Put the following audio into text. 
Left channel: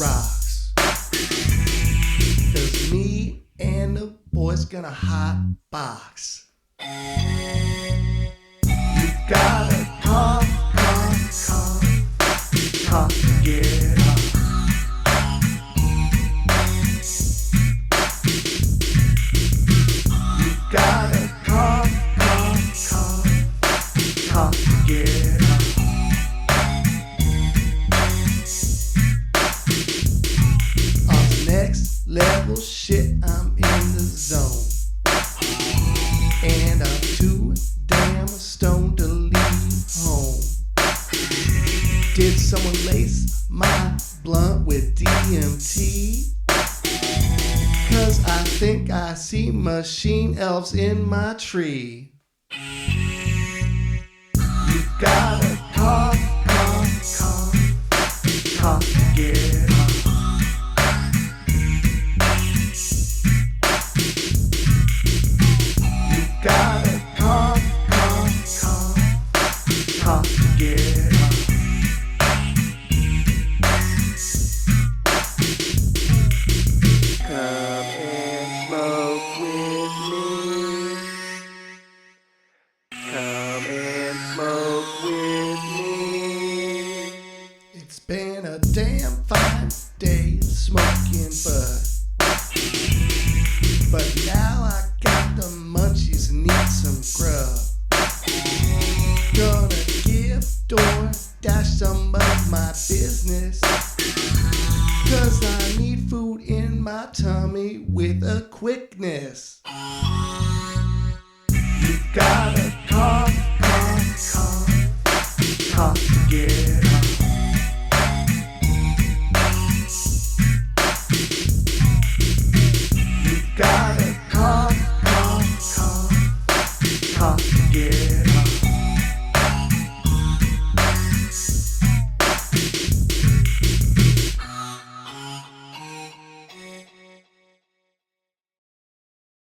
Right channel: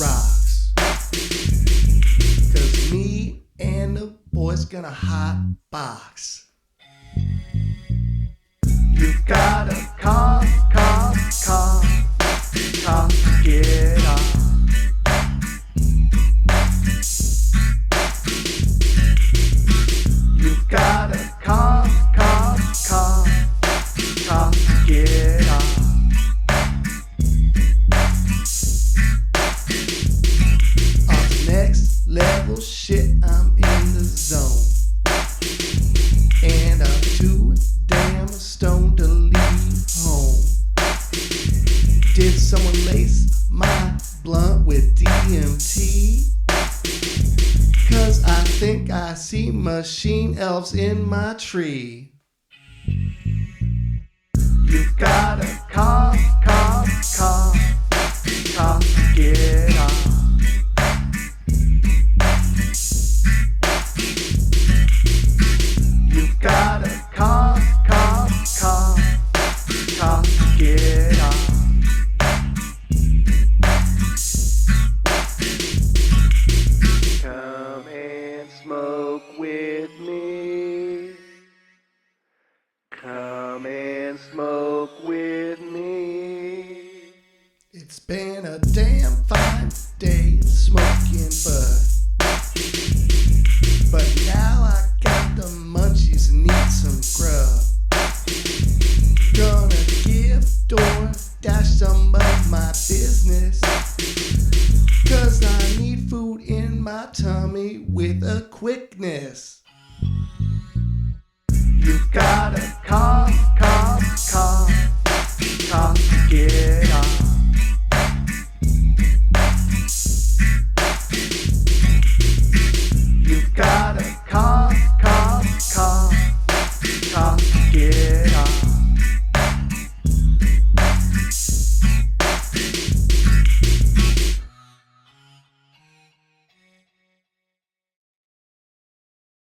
rocks. 'Cause me and the boys gonna hot box. You gotta cough, to get off. You gotta cough, to get off. On the next level shit, I'm in the zone. And I'm too damn stoned to leave home. Did someone lace my blunt with DMT? 'Cause I think I see machine elves in my tree. You gotta cough, to get off. You gotta cough, to get off. Come and smoke with me. Come and smoke with me. It's been a damn fine day smoking bud. But now I got the munchies and need some grub. Gonna give DoorDash some of my business. 'Cause I need food in my tummy with a quickness. You gotta